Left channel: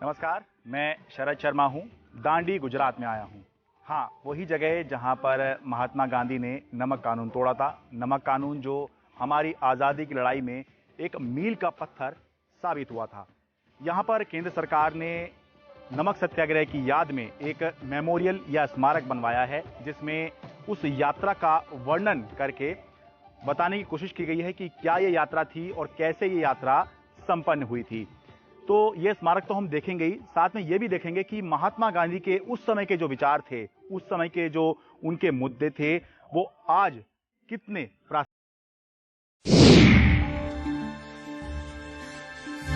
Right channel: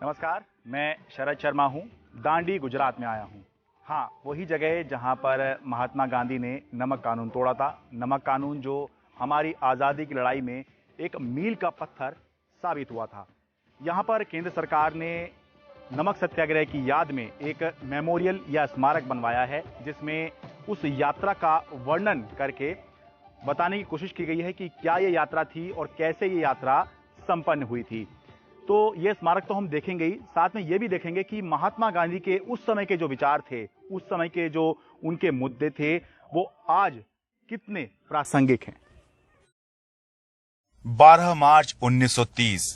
नमस्कार, मैं शरद शर्मा हूँ। दांडी गुजरात में आया हूँ। हाँ, वही जगह है जहाँ पर महात्मा गांधी ने नमक कानून तोड़ा था। नमक कानून जो हमारी आज़ादी की लड़ाई में एक मील का पत्थर साबित हुआ था। यहाँ पर केंद्र सरकार ने नमक सत्याग्रह की याद में एक मेमोरियल या स्मारक बनवाया है, जिसमें उस यात्रा का वर्णन करके बताने की कोशिश की गई है कि क्या ये यात्रा थी और कैसे ये यात्रा संपन्न हुई थी। तो ये स्मारक तो हम देखेंगे ही, साथ में ये भी देखेंगे कि महात्मा गांधी के उस समय के जो विचार थे, उस समय के जो उनके मुद्दे थे, वो आज कितने प्रासंगिक हैं। 12 मार्च 1930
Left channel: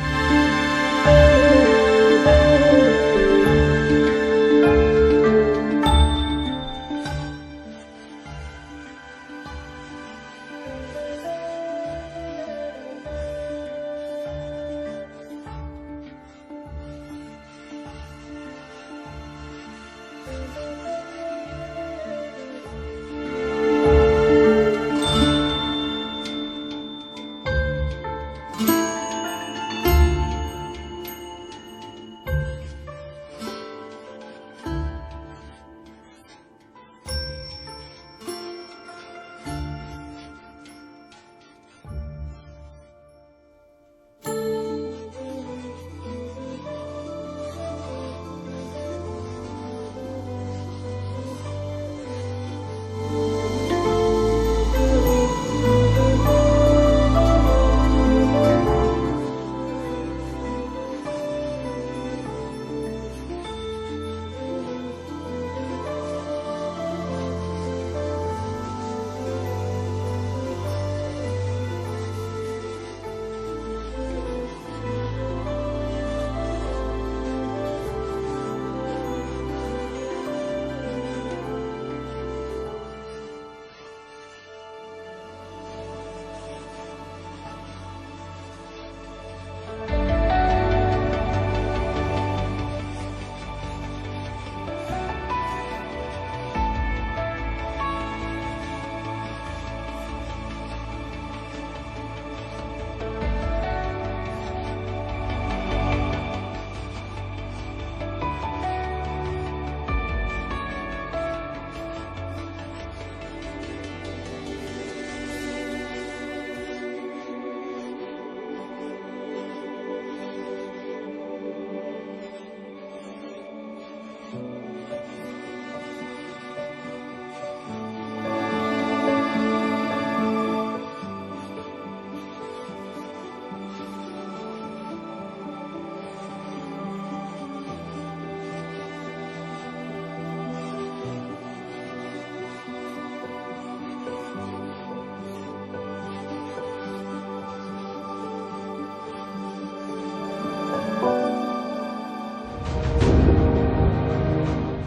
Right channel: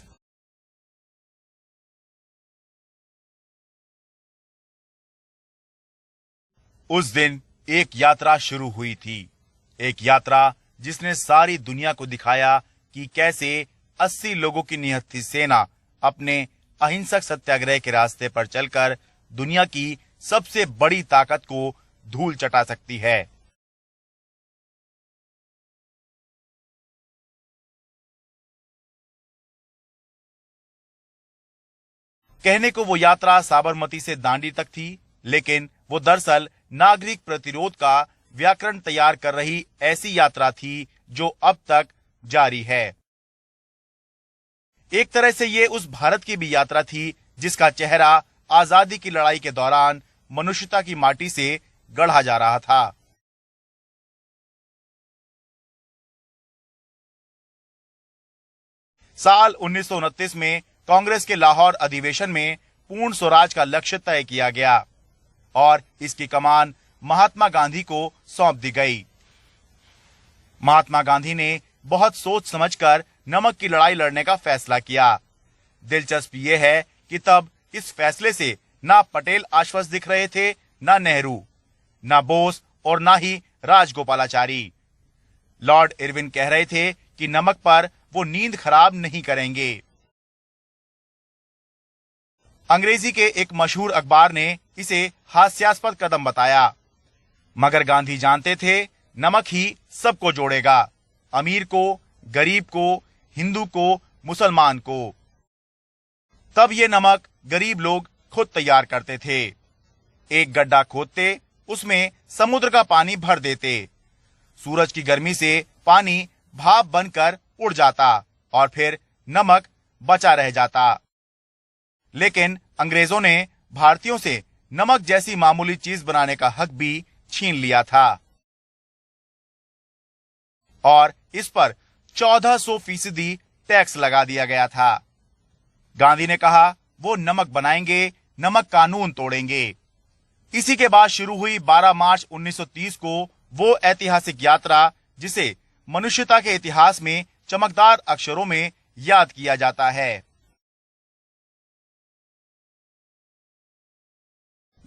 उस दिन एक यात्रा शुरू हुई थी। एक यात्रा जिसने सारी दुनिया को दिखाया कि कैसे 80 लोगों की निहत्थी सेना अपने अहिंसक सत्याग्रह के रास्ते पर चलकर दुनिया की सबसे बड़ी ताकत को धूल चटा सकती है। कहने को वो यात्रा साबरमती से दांडी तक थी, लेकिन वो दरअसल नागरिक प्रतिरोध का व्याकरण तैयार कर रही ऐसी यात्रा थी जो अब तक जारी है। एक तरह से ये उस भारत की भी यात्रा थी जिसका चेहरा आजादी की लड़ाई के दौरान मनुष्यता की माटी से गढ़ा जा रहा था। साल 1929 में कांग्रेस के लाहौर अधिवेशन में पूर्ण स्वराज का लक्ष्य तय किया गया और इसकी कमान महात्मा गांधी को सौंप दी गई। महात्मा गांधी ने बहुत सोच समझकर नमक की लड़ाई लड़ने का फैसला किया। दिलचस्प ये है कि तब इस फैसले से ना पटेल आश्वस्त दिख रहे थे, ना नेहरू, ना बोस और ना ही राजगोपालाचारी। लॉर्ड इरविन कह रहे थे कि नमक पर वो नींद खराब नहीं करेंगे। अंग्रेजी के एक मशहूर अखबार ने इसे हास्यास्पद कदम बताया, मगर गांधी जानते थे नमक ही सबको जोड़ेगा, अमीर को, गरीब को, हिंदू को, मुसलमान को। तब ये नमक गरीब लोग खुद तैयार करते थे। एक गड्ढा खोदते, उसमें समुद्र का पानी भर देते। सूरज की गर्मी से पानी भाप बनकर उड़ जाता और फिर नमक बचा रह जाता। लेकिन अंग्रेजों ने भारतीयों से नमक जैसी मामूली चीज बनाने का हक भी छीन लिया था और इस पर 1400% टैक्स लगा दिया गया था। गांधी ने कहा वो नमक बनाएंगे, नमक कानून तोड़ेंगे। इसी के बाद शुरू हुई 12 मार्च 1930 को वो ऐतिहासिक यात्रा जिसे मनुष्यता के इतिहास में चमकदार अक्षरों में याद किया जाता है।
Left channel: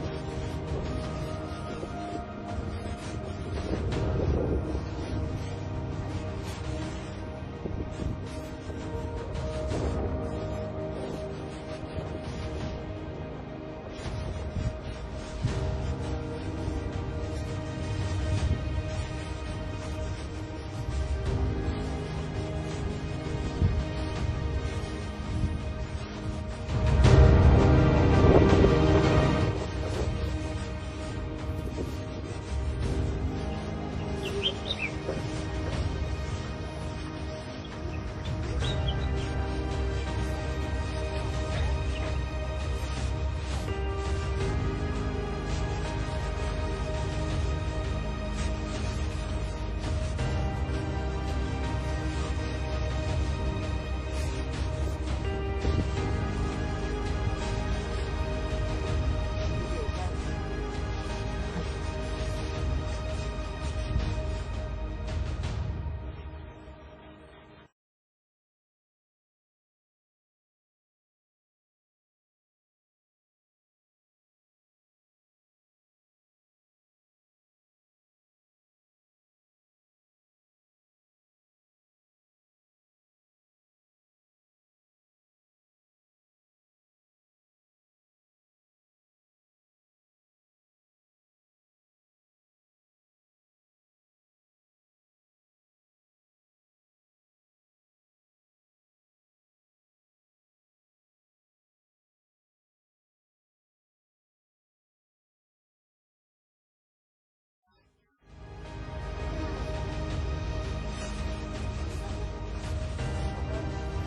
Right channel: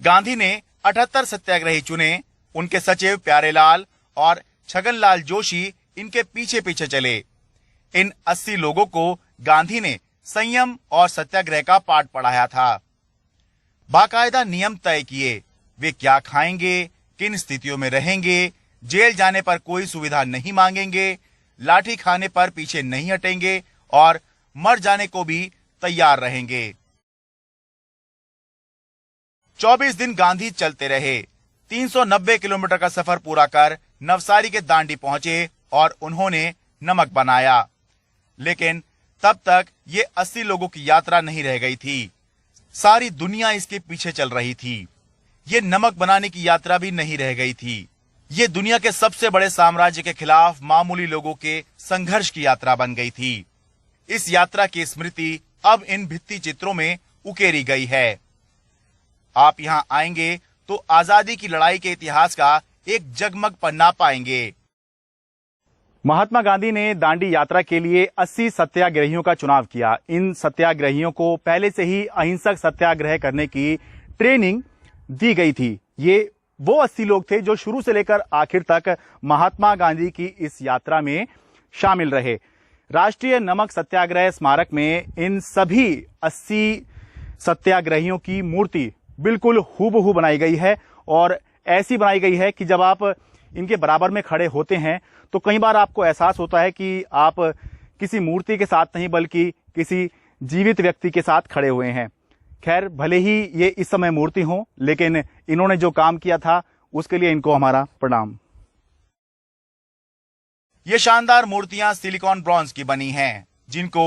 गांधी ने 78 सत्याग्रही चुने। उनके सचिव प्यारेलाल और छगनलाल जोशी इनके पीछे पीछे चले। इन 80 लोगों को गांधी ने संयम और सत्याग्रह का पाठ पढ़ाया था। बाकायदा नियम तय किए, वे क्या खाएंगे, किन स्थितियों में रहेंगे, जेल जाने पर कोई सुविधा नहीं मांगेंगे, लाठी खाने पर पीछे नहीं हटेंगे और मर जाने को भी तैयार रहेंगे। 24 दिन गांधी चलते रहे। 390 किलोमीटर का सफर पूरा कर नवसारी के दांडी पहुंचे और उन्होंने नमक बनाया। लेकिन तब तक ये 80 लोगों की यात्रा नहीं रह गई थी। सारी दुनिया इसके पीछे चल रही थी। ये नमक बनाने की यात्रा भी नहीं रह गई थी। ये दुनिया के सबसे बड़े साम्राज्य के खिलाफ मामूली लोगों के संघर्ष की यात्रा बन गई थी। इस यात्रा की स्मृति अब इन भित्ति चित्रों में उकेरी गई है। आप यहाँ आएंगे तो आजादी की लड़ाई के इतिहास का एक जगमग पन्ना पाएंगे। महात्मा गांधी ने दांडी यात्रा के लिए 80 सत्याग्रहियों का चुनाव किया। इन सत्याग्रहियों को पहले से ही अहिंसक सत्याग्रह करने की ट्रेनिंग दी गई थी। ये वो 80 लोग थे जो शुरू से लेकर आखिर तक महात्मा गांधी की इस यात्रा में शामिल रहे। राष्ट्रीय नमक सत्याग्रह स्मारक में इन सभी 80 सत्याग्रहियों की मूर्ति बिल्कुल हूबहू बनाई गई है और ऐसी बनाई गई है कि जब आप इनके बराबर में खड़े होते हैं तो कई बार आपको एहसास होता है कि आप किसी मूर्ति के साथ नहीं बल्कि किसी जीवित व्यक्ति के साथ खड़े हुए हैं। खैर, भले ही ये इस समय मूर्ति हो, लेकिन इन्होंने जो काम किया था उसके लिए इनको हमारा प्रणाम। ये शानदार मूर्तियां सिलिकॉन ब्रॉन्ज की बनी हैं, जिनको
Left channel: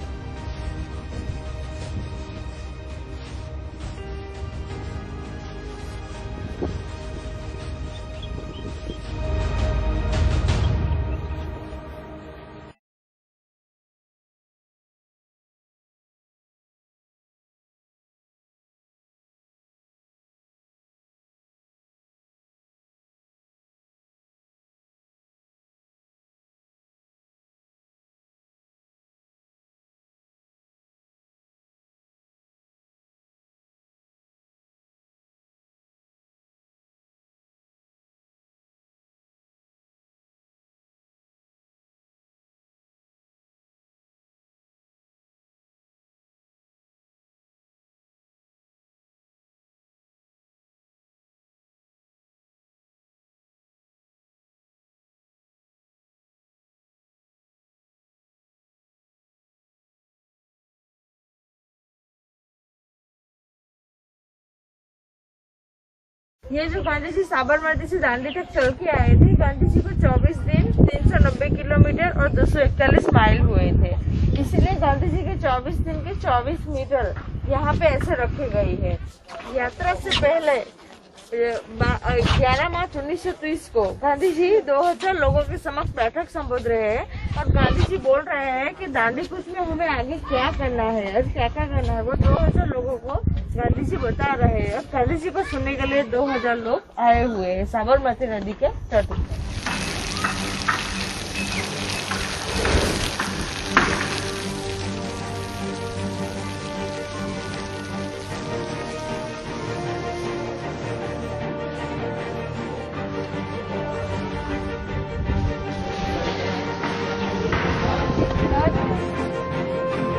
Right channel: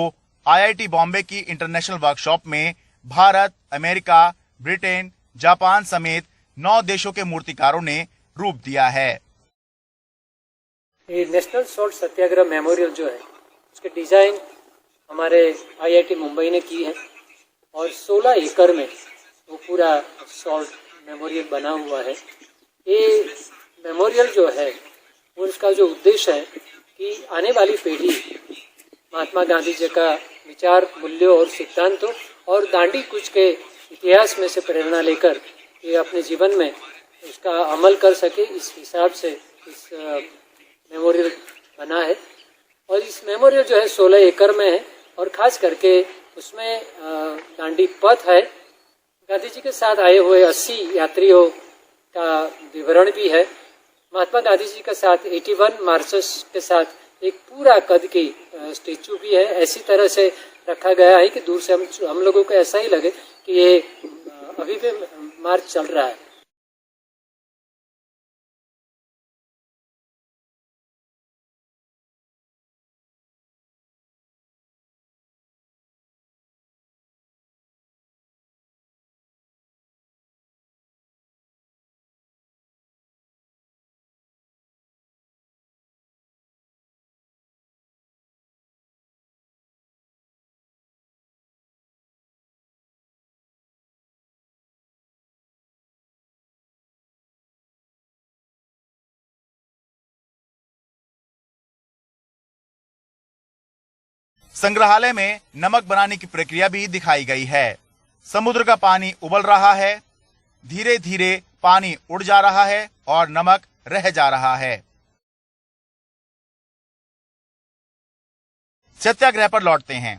IIT बॉम्बे की इंटरनेशनल वर्कशॉप में भारत, अमेरिका, ब्रिटेन, जापान समेत 9 देशों के मूर्तिकारों ने रूप दिया है। ये नेशनल सॉल्ट सत्याग्रह मेमोरियल जो है, उसके डिजाइन हमारे IIT मुंबई ने की है और 16 एकड़ में वो पूरा सॉल्ट मेमोरियल बना हुआ है। ये मेमोरियल जो है, उसका जो उद्देश्य है कि आने वाली पीढ़ी महात्मा गांधी जी का विचार, मूल्यों और सिद्धांतों और दांडी कूच के इतिहास में से प्रेरणा लेकर ये अपने जीवन में उसका अमल कर सके, इस हिसाब से इस मेमोरियल बना है। और इस मेमोरियल जो है 16 एकड़ में है और ख़ास करके उसमें दांडी पथ है। गांधी जी के साथ आए हुए 80 यात्रियों का विवरण भी है। महात्मा गांधी जी के साथ 81 मार्चर्स के साथ एक पूरा कद की स्टेचू भी है। ऐसी तरह से रखा गया है कि दूर से हम लोगों को ऐसा ही लगे कि ये अभी भी मार्च चल रहा है। ये जो गांधी जी साबरमती से दांडी तक चल के आए थे, गांधी जी को 24 दिन 390 किलोमीटर और 241 माइल हुए थे। इसलिए गांधी जी के 24 दिन के 24 मीटर यहाँ पे ऐसे रखे गए हैं। यात्रा से पहले 11 मार्च 1930 को गांधी जी 2000 लोगों के समक्ष बैठक संबोध रहे हैं और गांधी जी बोल रहे हैं कि दांडी कूच में हमें आगे क्या करना है और क्या क्या करना है, वो 2000 लोगों को गांधी जी बता रहे हैं। और गांधी जी को सुनने के लिए 2000 लोग आए हुए हैं साबरमती नदी के तट पर। संग्रहालय में नमक बनाने की प्रक्रिया भी दिखाई गई है। समुद्र का पानी उबल रहा है, धीरे धीरे पानी उड़ जा रहा है और नमक रह जा रहा है। सत्याग्रह पर लौटते हैं।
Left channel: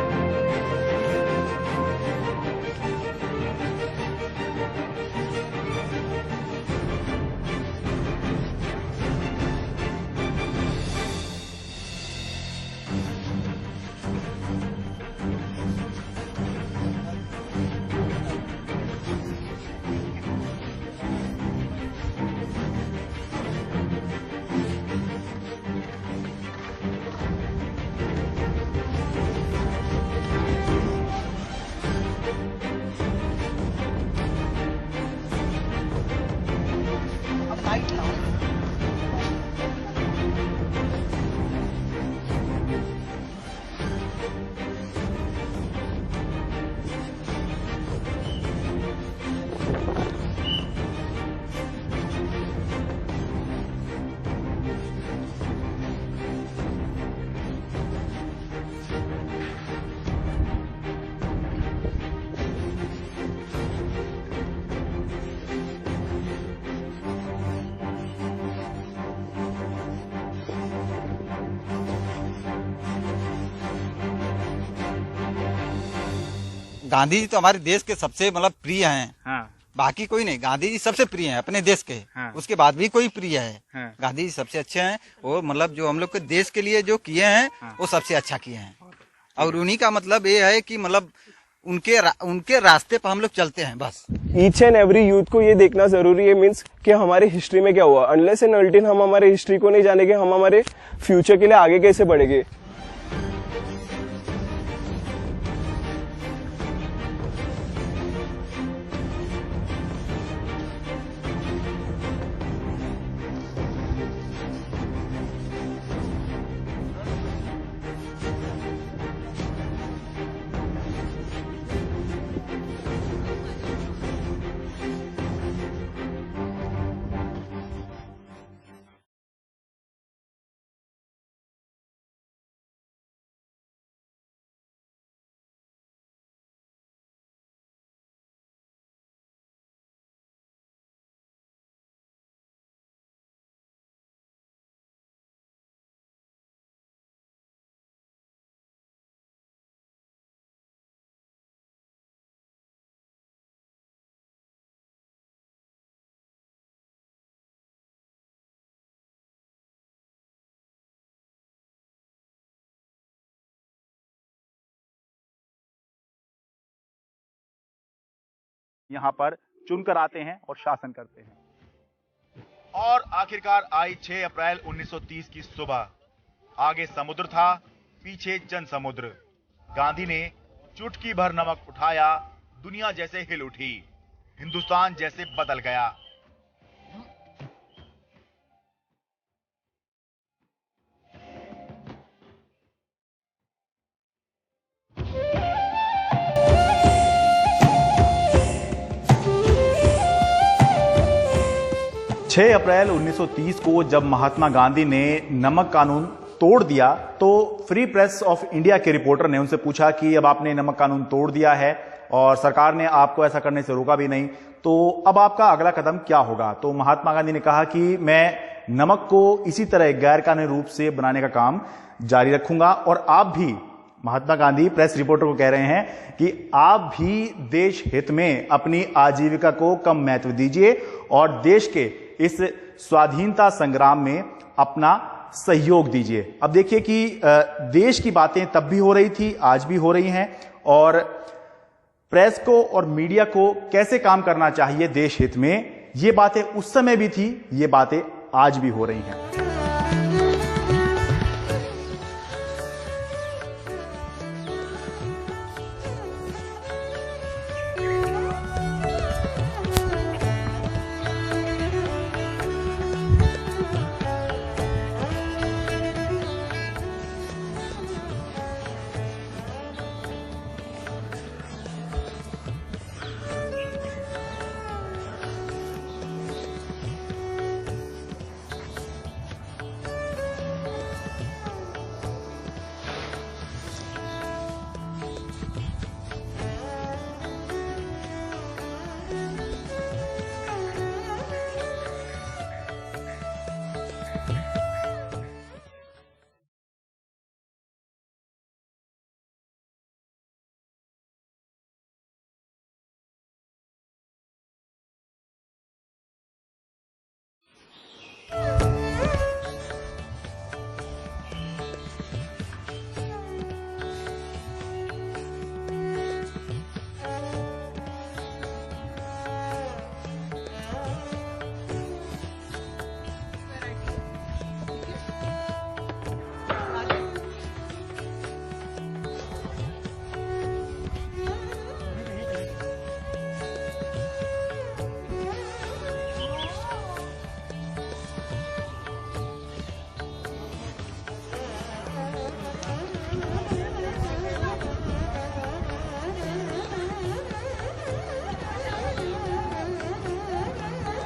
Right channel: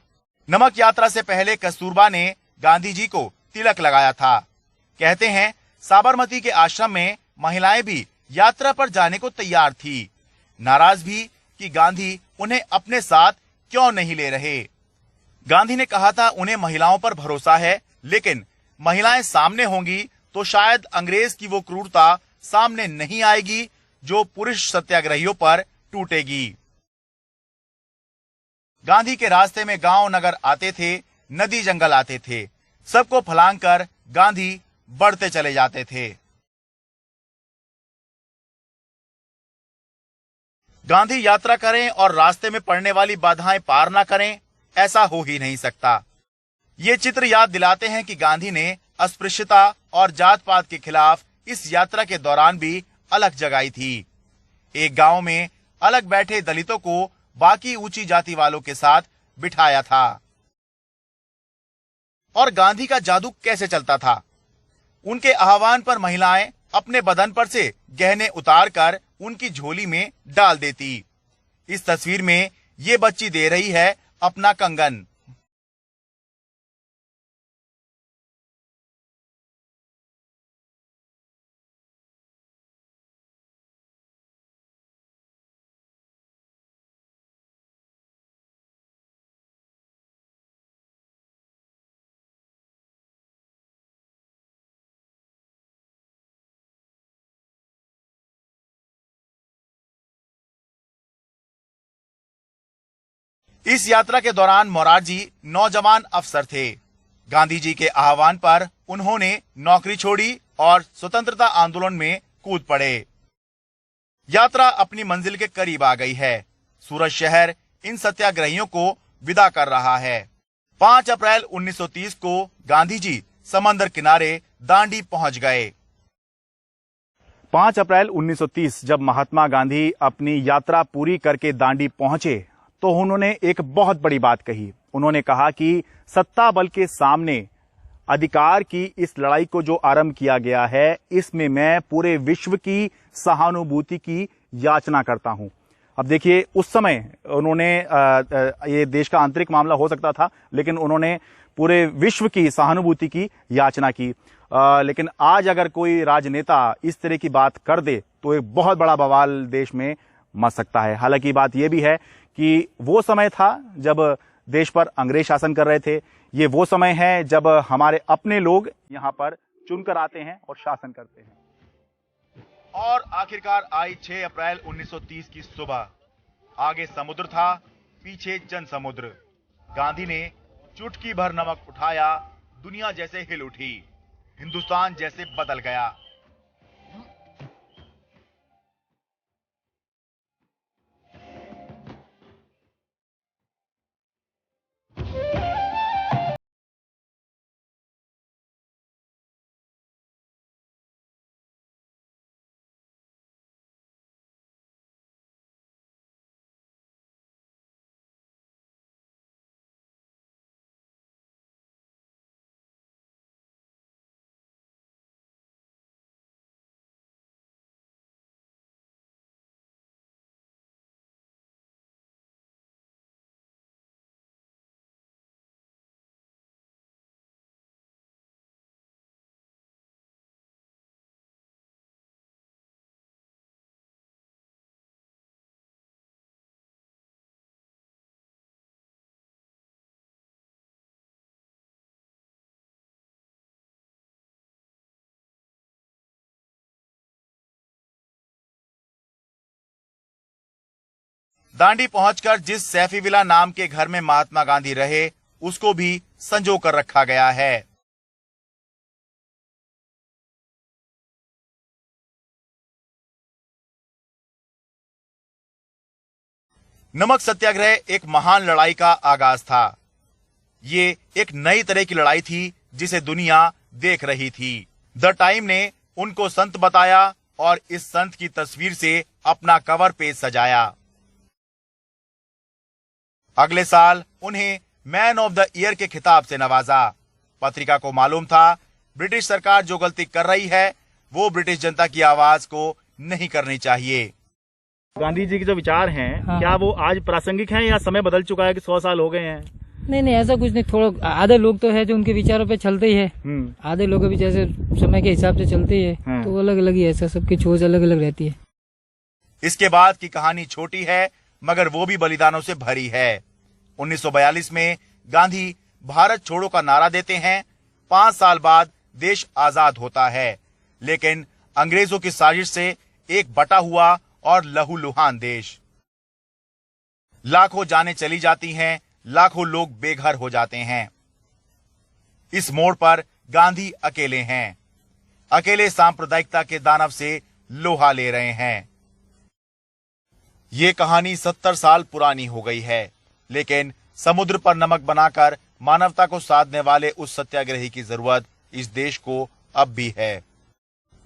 नमक यात्रा से पहले कस्तूरबा ने गांधी जी को तिलक लगाया था। कहते हैं साबरमती के आश्रम में महिलाएं भी यात्रा पर जाने को तैयार थी। नाराज थी कि गांधी उन्हें अपने साथ क्यों नहीं ले रहे। गांधी ने कहा था उन्हें महिलाओं पर भरोसा है, लेकिन महिलाएं सामने होंगी तो शायद अंग्रेज की वो क्रूरता सामने नहीं आएगी जो पुरुष सत्याग्रहियों पर टूटेगी। गांधी के रास्ते में गांव नगर आते थे, नदी जंगल आते थे, सबको फलांग कर गांधी बढ़ते चले जाते थे। गांधी यात्रा करें और रास्ते में पड़ने वाली बाधाएं पार ना करें, ऐसा हो ही नहीं सकता। ये चित्र याद दिलाते हैं कि गांधी ने अस्पृश्यता और जात पात के खिलाफ इस यात्रा के दौरान भी अलग जगाई थी। एक गांव में अलग बैठे दलितों को बाकी ऊंची जाति वालों के साथ बिठाया था। और गांधी का जादू कैसे चलता था? उनके आह्वान पर महिलाएं अपने बदन पर से गहने उतार कर उनकी झोली में डाल देती। इस तस्वीर में ये बच्ची दे रही है अपना कंगन। गांधी जी तो हमारे देश के सबसे मतलब प्रिय हैं। हाँ। बाकी कोई नहीं, गांधी जी सबसे प्रिय हैं अपने देश के। हाँ। उसके बाद भी कोई प्रिय है। हाँ। गांधी जी सबसे अच्छे हैं और मतलब जो हम लोग के देश के लिए जो किए हैं, हाँ, वो सबसे अच्छा किए हैं। और उन्हीं का मतलब ये है कि मतलब उनके रास्ते पर हम लोग चलते हैं बस। ईच एंड एवरी यूथ को ये देखना जरूरी है, मीन्स कि हमारे हिस्ट्री में क्या हुआ। अनलेस एंड अनटिल हम हमारे हिस्ट्री को नहीं जानेंगे, हम हमारे फ्यूचर के लिए आगे कैसे बढ़ेंगे। इस यात्रा के दौरान मोरारजी नौजवान अफसर थे। गांधी जी के आह्वान पर उन्होंने नौकरी छोड़ी और स्वतंत्रता आंदोलन में कूद पड़े। यात्रा अपनी मंजिल के करीब आ गई है। सूरत शहर इन सत्याग्रहियों को विदा कर रहा है। 5 अप्रैल 1930 को गांधी जी समंदर किनारे दांडी पहुंच गए। 5 अप्रैल 1930 जब महात्मा गांधी अपनी यात्रा पूरी करके दांडी पहुंचे तो उन्होंने एक बहुत बड़ी बात कही। उन्होंने कहा कि सत्ता बल के सामने अधिकार की इस लड़ाई को जो आरंभ किया गया है, इसमें मैं पूरे विश्व की सहानुभूति की याचना करता हूं। अब देखिए, उस समय उन्होंने ये देश का आंतरिक मामला हो सकता था, लेकिन उन्होंने पूरे विश्व की सहानुभूति की याचना की। लेकिन आज अगर कोई राजनेता इस तरह की बात कर दे तो एक बहुत बड़ा बवाल देश में मच सकता है। हालांकि बात यह भी है कि वो समय था जब देश पर अंग्रेज शासन कर रहे थे। ये वो समय है जब हमारे अपने लोग यहाँ पर चुनकर आते हैं और शासन करते हैं। और आखिरकार आई 6 अप्रैल 1930 की सुबह। आगे समुद्र था, पीछे जन समुद्र। गांधी ने चुटकी भर नमक उठाया, दुनिया जैसे हिल उठी, हिंदुस्तान जैसे बदल गया। छह अप्रैल 1930 को जब महात्मा गांधी ने नमक कानून तोड़ दिया तो फ्री प्रेस ऑफ इंडिया के रिपोर्टर ने उनसे पूछा कि अब आपने नमक कानून तोड़ दिया है और सरकार ने आपको ऐसा करने से रोका भी नहीं, तो अब आपका अगला कदम क्या होगा? तो महात्मा गांधी ने कहा कि मैं नमक को इसी तरह गैर कानूनी रूप से बनाने का काम जारी रखूंगा और आप भी, महात्मा गांधी प्रेस रिपोर्टर को कह रहे हैं कि आप भी देश हित में अपनी आजीविका को कम महत्व दीजिए और देश के इस स्वाधीनता संग्राम में अपना सहयोग दीजिए। अब देखिए कि देश की बातें तब भी हो रही थी, आज भी हो रही हैं और प्रेस को और मीडिया को कैसे काम करना चाहिए देश हित में, ये बातें उस समय भी थी, ये बातें आज भी हो रही हैं। दांडी पहुंचकर जिस सैफी विला नाम के घर में महात्मा गांधी रहे, उसको भी संजो कर रखा गया है। नमक सत्याग्रह एक महान लड़ाई का आगाज था। ये एक नई तरह की लड़ाई थी जिसे दुनिया देख रही थी। द टाइम ने उनको संत बताया और इस संत की तस्वीर से अपना कवर पेज सजाया। अगले साल उन्हें मैन ऑफ द ईयर के खिताब से नवाजा। पत्रिका को मालूम था ब्रिटिश सरकार जो गलती कर रही है वो ब्रिटिश जनता की आवाज को नहीं करनी चाहिए। गांधी जी के जो विचार हैं, क्या वो आज प्रासंगिक हैं या समय बदल चुका है कि 100 साल हो गए हैं? नहीं, ऐसा कुछ नहीं। थोड़ा आधे लोग तो है जो उनके विचारों पे चलते ही है, आधे लोग भी जैसे समय के हिसाब से चलते ही है, तो अलग अलग ही ऐसा, सबकी सोच अलग अलग रहती है। इसके बाद की कहानी छोटी है मगर वो भी बलिदानों से भरी है। 1942 में गांधी भारत छोड़ो का नारा देते हैं। 5 साल बाद देश आजाद होता है, लेकिन अंग्रेजों की साजिश से एक बटा हुआ और लहूलुहान देश। लाखों जानें चली जाती हैं, लाखों लोग बेघर हो जाते हैं। इस मोड़ पर गांधी अकेले हैं, अकेले सांप्रदायिकता के दानव से लोहा ले रहे हैं। ये कहानी 70 साल पुरानी हो गई है, लेकिन समुद्र पर नमक बनाकर मानवता को साधने वाले उस सत्याग्रही की जरूरत इस देश को अब भी है।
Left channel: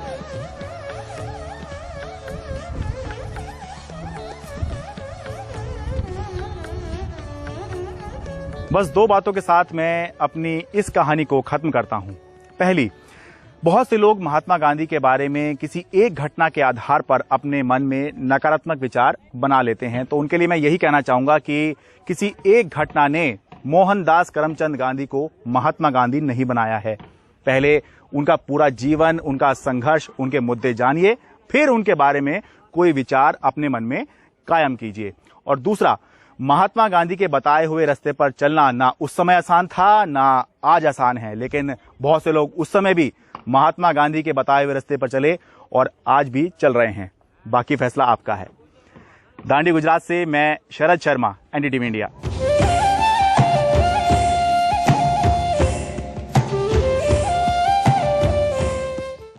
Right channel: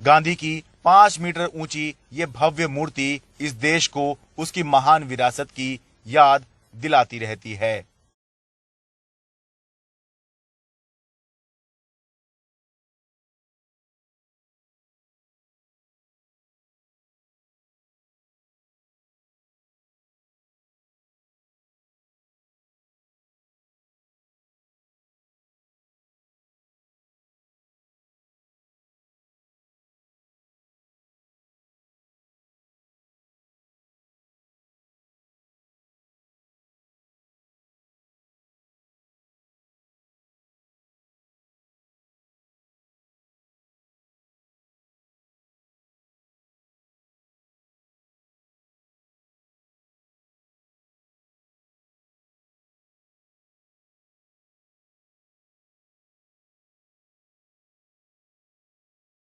गांधी की 5 मीटर ऊंची ये भव्य मूर्ति इस देश को उसकी महान विरासत की याद दिलाती रहती है। बस 2 बातों के साथ मैं अपनी इस कहानी को खत्म करता हूं। पहली, बहुत से लोग महात्मा गांधी के बारे में किसी एक घटना के आधार पर अपने मन में नकारात्मक विचार बना लेते हैं, तो उनके लिए मैं यही कहना चाहूंगा कि किसी एक घटना ने मोहनदास करमचंद गांधी को महात्मा गांधी नहीं बनाया है। पहले उनका पूरा जीवन, उनका संघर्ष, उनके मुद्दे जानिए, फिर उनके बारे में कोई विचार अपने मन में कायम कीजिए। और दूसरा, महात्मा गांधी के बताए हुए रास्ते पर चलना ना उस समय आसान था ना आज आसान है, लेकिन बहुत से लोग उस समय भी महात्मा गांधी के बताए हुए रास्ते पर चले और आज भी चल रहे हैं। बाकी फैसला आपका है। दांडी गुजरात से मैं शरद शर्मा, एनडीटीवी इंडिया।